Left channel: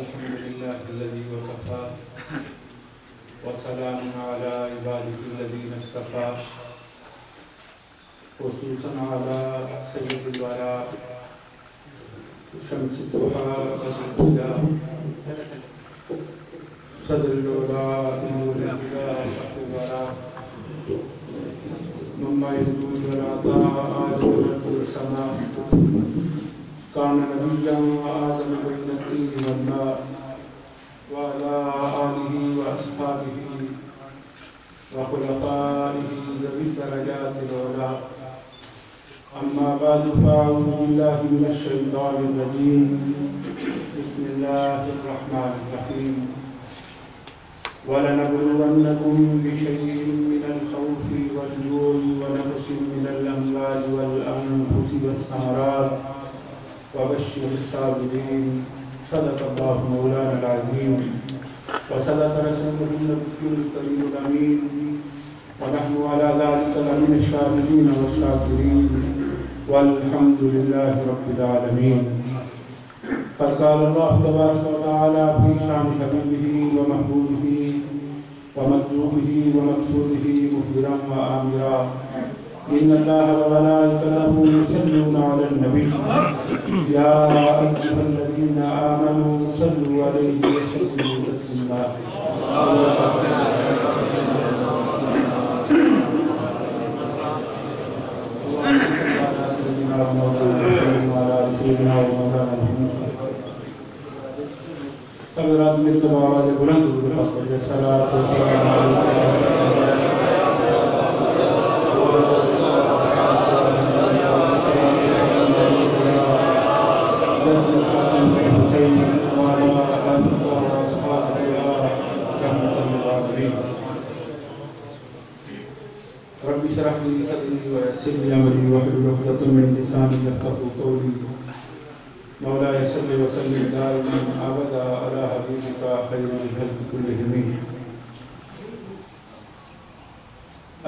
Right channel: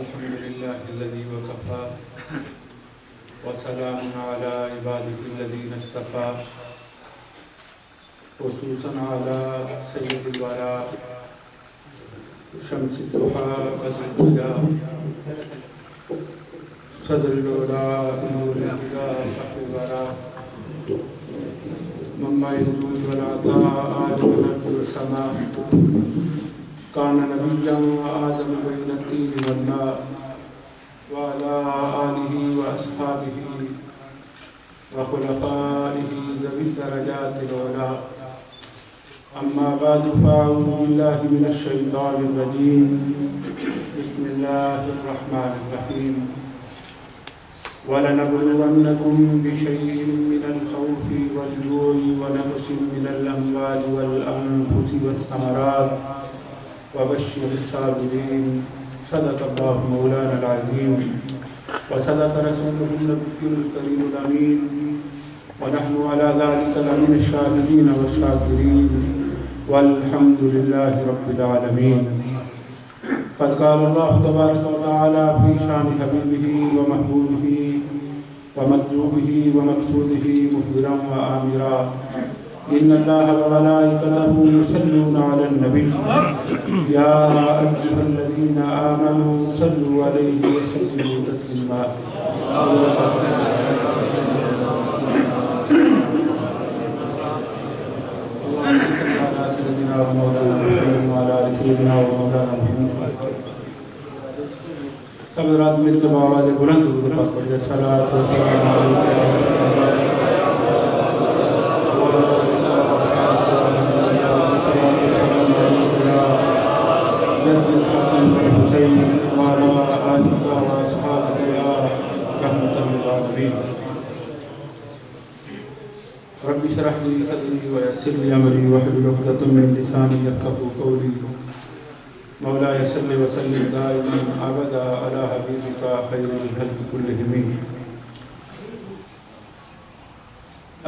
الحمد لله الذي وكفى وسلام على عباده الذين اصطفى خصوصا على سيد الورى شمس الضحى والهدى صدر العلا نور الهدى فخر الورى مما الوجود والعطاء آدم السماء كان نبيا آدم بين الطين والماء وعلى آله وأصحابه وخلفائه ذوي الدرجات العلى أما بعد فأعوذ بالله من الشيطان الرجيم بسم الله الرحمن الرحيم ولنبلونكم بشيء من الخوف والجوع ونقص من الأموال والأنفس والثمرات وبشر الصابرين صدق الله مولانا العظيم وصدق رسوله النبي الكريم الأمين ونحن على ذلك لمن الشاهدين والشاكرين والحمد لله رب العالمين. قد قال الله تبارك وتعالى في شان حبيبه ومحبوبه ومطلوبه ومقصوده مخبرا وآمرا إن الله وملائكته يصلون على النبي يا أيها الذين آمنوا صلوا عليه وسلموا تسليما. سب رات مل کے آواز بلند درود پاک پڑھیں. صلاۃ و سلام رب اشرح لي صدري ويسر لي امري واحلل عقدة من لساني يفقهوا قولي. مولاي صل وسلم دائما ابدا على حبيبك خير الخلق كلهم.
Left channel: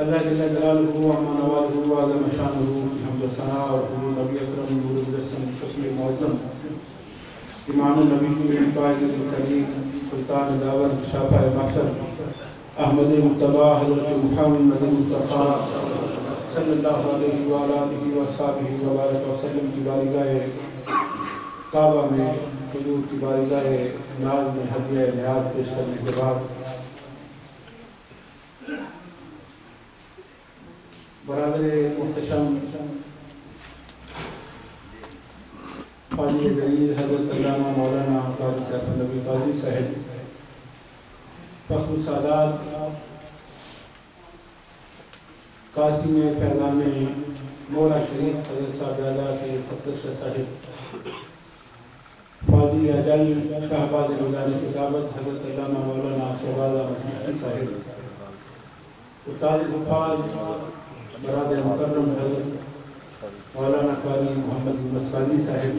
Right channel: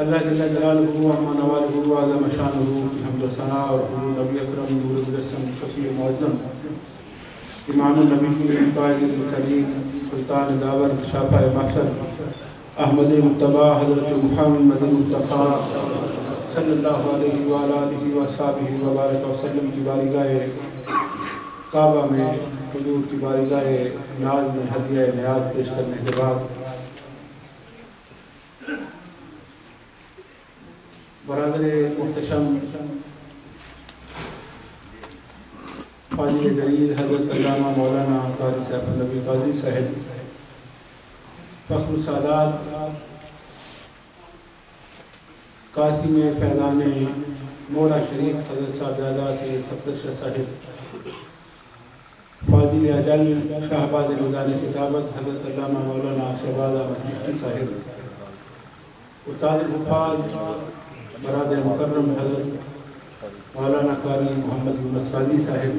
اللہ جل جلالہ وعظم نوالہ وعظم شانہ کی حمد و ثناء اور حضور نبی اکرم نور مجسم شفیع معظم امام النبی قائد المرسلین سلطان داور شافع محشر احمد مجتبی حضرت محمد مصطفیٰ صلی اللہ علیہ وآلہ وصحبہ وبارک وسلم کی بارگاہ کعبہ میں حضور کی بارگاہ ناز میں ہدیہ نیاز پیش کرنے کے بعد برادر محتشم فاضل جلیل حضرت علامہ مولانا قاری سیف النبی قاضی صاحب فخر السادات قاسم فیضان مولا شریف حضرت صاحبزادہ سید صفدر شاہ صاحب فاضل اجل شہباز نظام کتابت حضرت علامہ مولانا شہباز احمد چشتی صاحب استاد حفاظ برادر مکرم حضرت مولانا قاری محمد یونس قاضی صاحب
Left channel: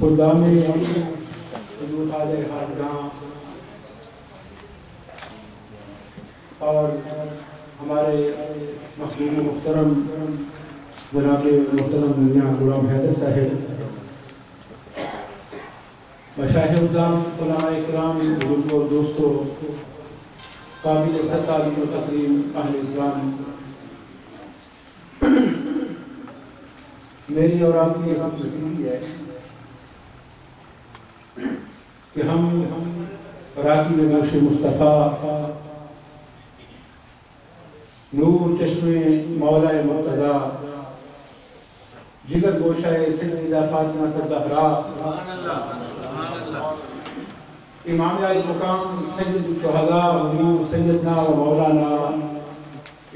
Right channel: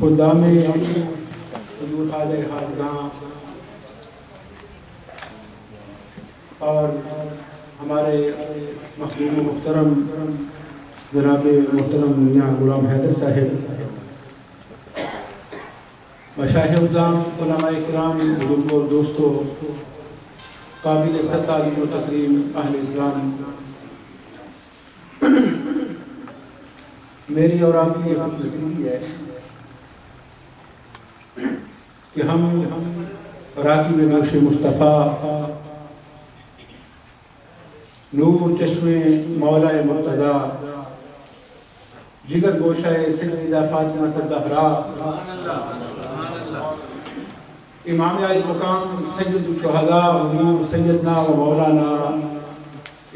خدام حضور خواجہ حاجگاں اور ہمارے محبوب محترم جناب محترم میاں غلام حیدر صاحب مشایخ اعظام علماء کرام بزرگوں اور دوستوں قابل تعظیم و تکریم اہل اسلام، میری اور آپ کی یہ نصیحت ہے کہ ہم راغب گوش مصطفیٰ نور چشم مولا مرتضیٰ جگر گوشہ سیدہ فاطمہ الزہرا امام عالی مقام سید الشہداء حضور سیدنا و مولانا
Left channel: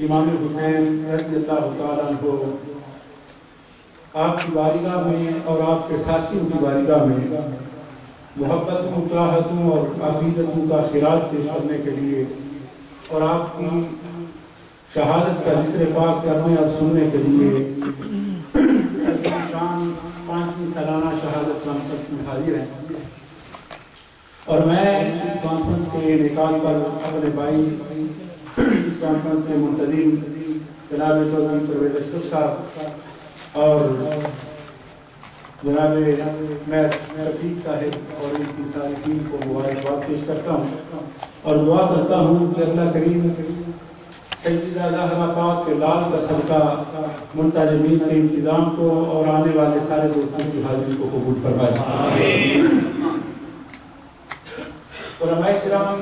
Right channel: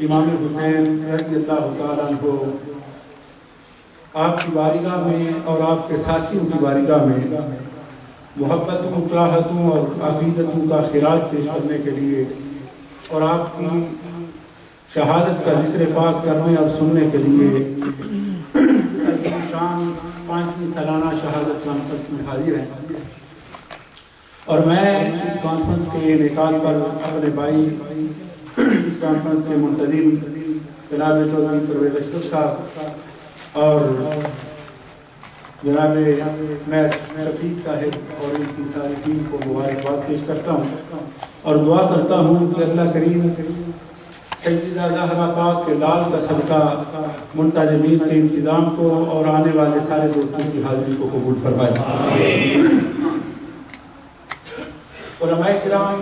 امام حسین رضی اللہ تعالیٰ عنہ آپ کی بارگاہ میں اور آپ کے ساتھیوں کی بارگاہ میں محبتوں، چاہتوں اور عقیدتوں کا خراج پیش کرنے کے لیے اور آپ کی شہادت کا ذکر پاک کرنے اور سننے کے لیے شان 5ویں سالانہ شہادت کانفرنس میں حاضر ہیں. اور میں اس کانفرنس کے انعقاد پر اپنے بھائی اس کانفرنس کے منتظم جناب چودھری پرویز اشرف صاحب اور جناب میں شفیق صاحب اور ان کی ساری ٹیم کو مبارکباد پیش کرتا ہوں اور دعا کرتا ہوں کہ اللہ کریم سیدہ زہرا پاک کے لال کا صدقہ منتظمین کے انتظام کو اور آنے والے سارے دوستوں کی حاضری کو قبول فرمائے۔ علماء کرام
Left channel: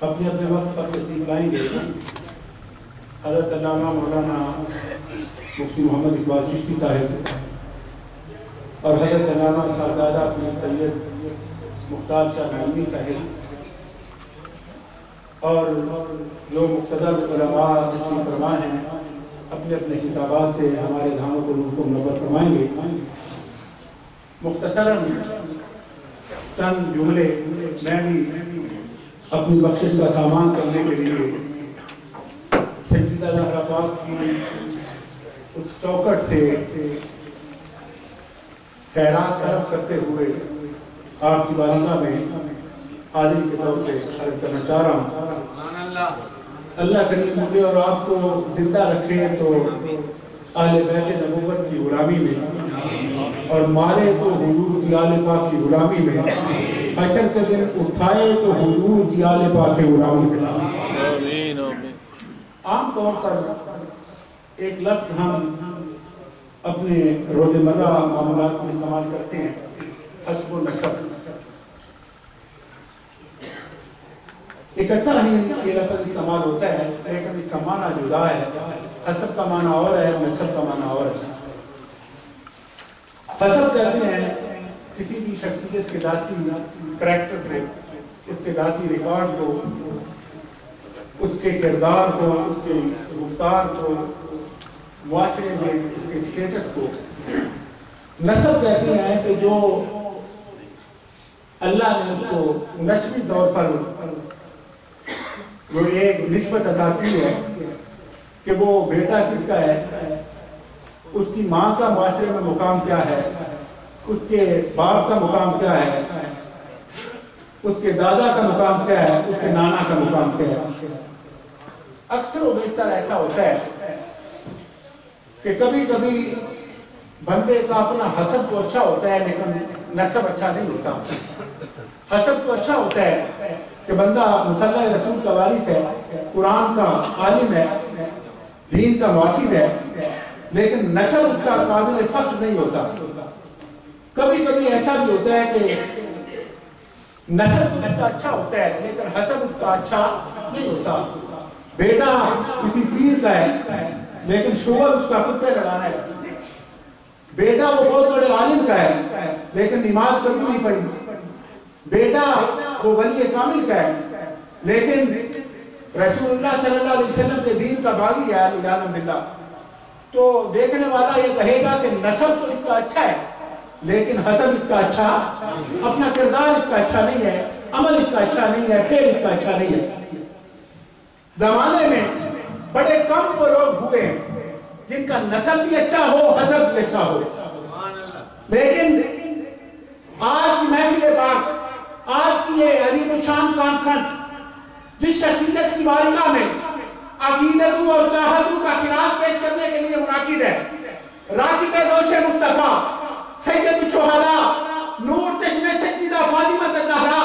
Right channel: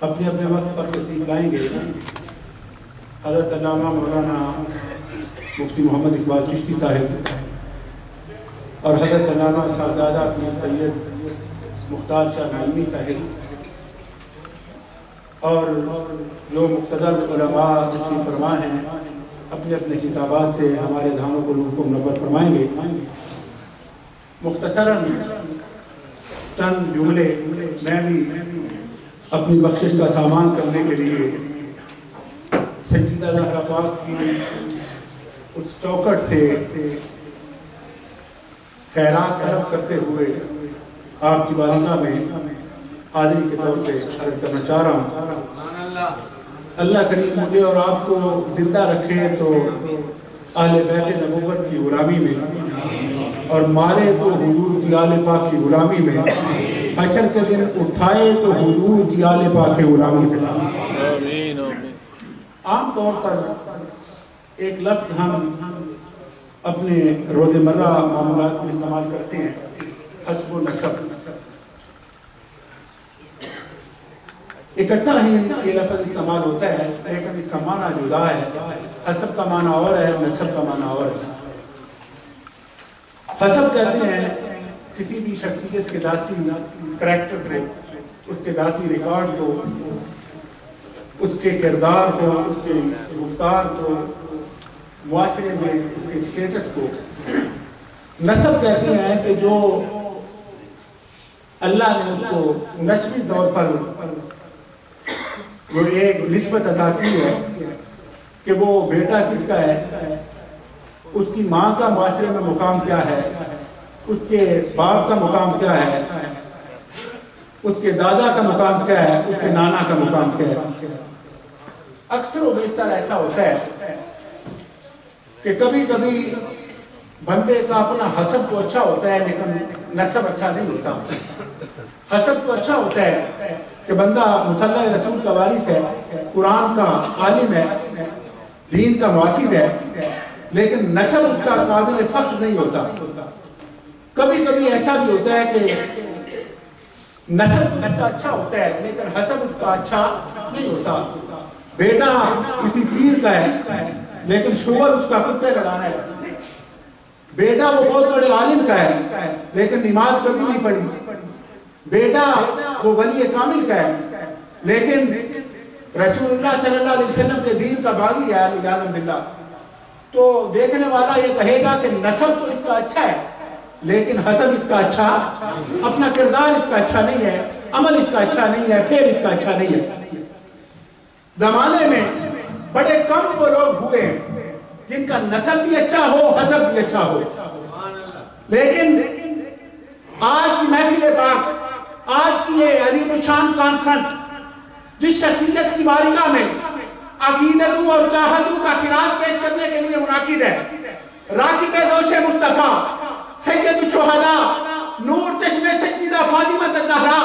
اپنے اپنے وقت پر تشریف لائیں گے۔ حضرت علامہ مولانا مفتی محمد اقبال چشتی صاحب اور حضرت علامہ صاحبزادہ سید مختار شاہ نعیمی صاحب اور جو مقتدر علماء تشریف فرما ہیں اپنے اپنے خطابات سے ہمارے دھانوں کو روح کو منور فرمائیں گے۔ مختصراً چند جملے میں بھی اپنی بخشش کا سامان کرنے کے لیے سیدہ زہرا پاک کی اس چوکٹ سے خیرات طلب کرتے ہوئے آپ کی بارگاہ میں حاضری کے طور پہ عرض کرنا چاہ رہا ہوں۔ اللہ کریم مجھے اور آپ کو زندہ رکھے تو اہل بیت نبوت کی غلامی میں اور مارے تو حضور کی آل پاک کی غلامی میں، حشر کے دن اٹھائے تو حضور کی آل پاک کی غلامی میں۔ عام طور پر ایک لفظ ہم اپنے روزمرہ معاملات میں استعمال کرتے ہیں، حسب و نسب۔ اکٹھا ہی یہ لفظ استعمال ہوتا ہے لیکن اس کا معنی جدا ہے۔ حسب کا معنی اور ہے، نسب کا معنی اور ہے۔ حسب کہتے ہیں کسی بھی شخصیت کے ذاتی کریکٹر کو، اس کے ذاتی ریکارڈ کو، اس کے کردار کو، اس کے گفتار کو، معاشرے میں اس کے سٹیٹس کو۔ نسب کہتے ہیں کہ جو اللہ نے اس کو نسبی طور پر وہ ایک نسبت عطا کی ہے کہ وہ بیٹا کس کا ہے، اس کی ماں کا معاشرے میں مقام کیا ہے، اس کے باپ کا مقام کیا ہے، اس کے دادا کا مقام کیا ہے، اس کے نانا کا مقام کیا ہے۔ اکثر و بیشتر ایسا ہوتا ہے کہ کبھی کبھی بندے کا اپنا حسب تو اچھا ہوتا ہے لیکن نسب اچھا نہیں ہوتا۔ حسب تو اچھا ہوتا ہے کہ بندہ مصلی رسول کا وارث ہے، قرآن کا عالم ہے، دین کا محافظ ہے، لیکن نسب کا قابل فخر نہیں ہوتا۔ کبھی کبھی ایسا بھی ہوتا ہے کہ نسب ایسا اچھا ہوتا ہے لیکن حسب اس کا اچھا نہیں ہوتا۔ بیٹا کسی پیر کا ہے لیکن شوہر اس کا کتے لگانا ہے۔ بیٹا وہ بہت بڑے عالم کا ہے لیکن نماز کبھی نہیں پڑھی۔ بیٹا وہ ولی کامل کا ہے لیکن رسول اللہ صلی اللہ علیہ وسلم کے دین کا باغی ہے، علیہ باللہ۔ تو دیکھنے والا یہ کہے گا کہ نسب تو اس کا اچھا ہے لیکن حسب اس کا اچھا، اپنا کردار اس کا اچھا نہیں ہے، عمل اس کا اچھا نہیں ہے، پھر اس کا اچھا نہیں ہے۔ زمانے میں بڑے کم وہ لوگ ہوئے جن کا نسب بھی اچھا ہو، حسب بھی اچھا ہو، لیکن آج کی محفل پاک، آج کی یہ عظیم الشان کانفرنس جس شخصیت کی بارگاہ میں عقیدتوں اور چاہتوں کا خراج پیش کرنے کے لیے منعقد ہے، راکب دوش مصطفیٰ، سید الشہداء، نور چشم سیدہ فاطمہ الزہرا،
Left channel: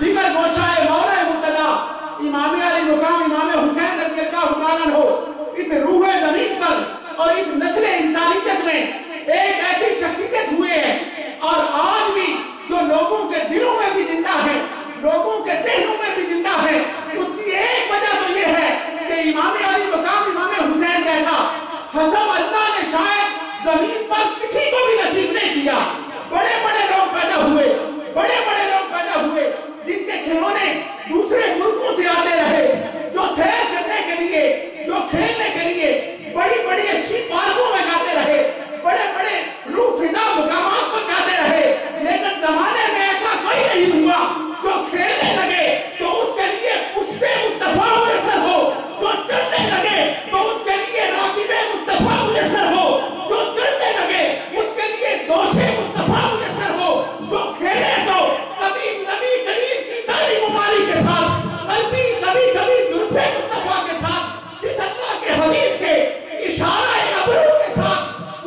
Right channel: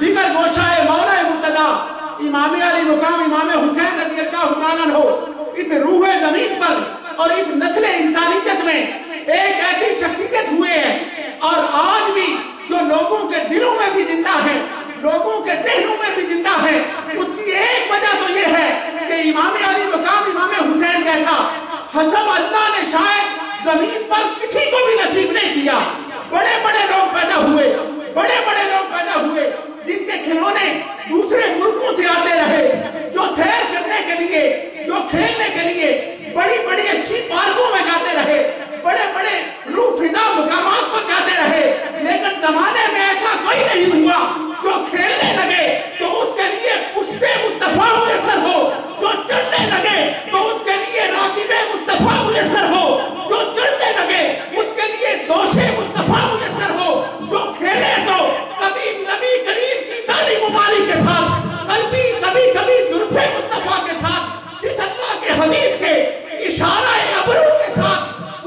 دیگر گوشائے مولا مرتضیٰ، امام علی مقام امام حسین رضی اللہ تعالیٰ عنہ، اس روح زمین پر اور اس نسل انسانیت میں ایک ایسی شخصیت ہوئے ہیں اور آج بھی جو لوگوں کے دلوں میں بھی زندہ ہے، لوگوں کے ذہنوں میں بھی زندہ ہے۔ اس کی ایک وجہ تو یہ ہے کہ امام علی مقام امام حسین جیسا حسب اللہ نے شاید زمین پر کسی کو بھی نصیب نہیں کیا۔ بڑے بڑے لوگ پیدا ہوئے، بڑے بڑے لوگ پیدا ہوئے جن کے کھلونے دوسرے ملکوں سے آتے رہے، جو سیر کرنے کے لیے، جو کھیلنے کے لیے بڑی بڑی اچھی پارکوں میں جاتے رہے، بڑے بڑے روح فضا مقامات پر جاتے رہے، لیکن زمانے میں ایسا کوئی نہیں ہوا جو کھیلنے لگے تو اس کے لیے پشتے مصطفیٰ میسر ہو، جو چلنے لگے تو اس کے لیے راکب مصطفیٰ میسر ہو، جو چلنے لگے اس کے لیے دوش مصطفیٰ میسر ہو، جو کھیلے تو کبھی نبی کریم کی داڑھی مبارک کے ساتھ، کبھی زلف مصطفیٰ کے ساتھ، جس اللہ کے حبیب کے اشارہ ابرو کے ساتھ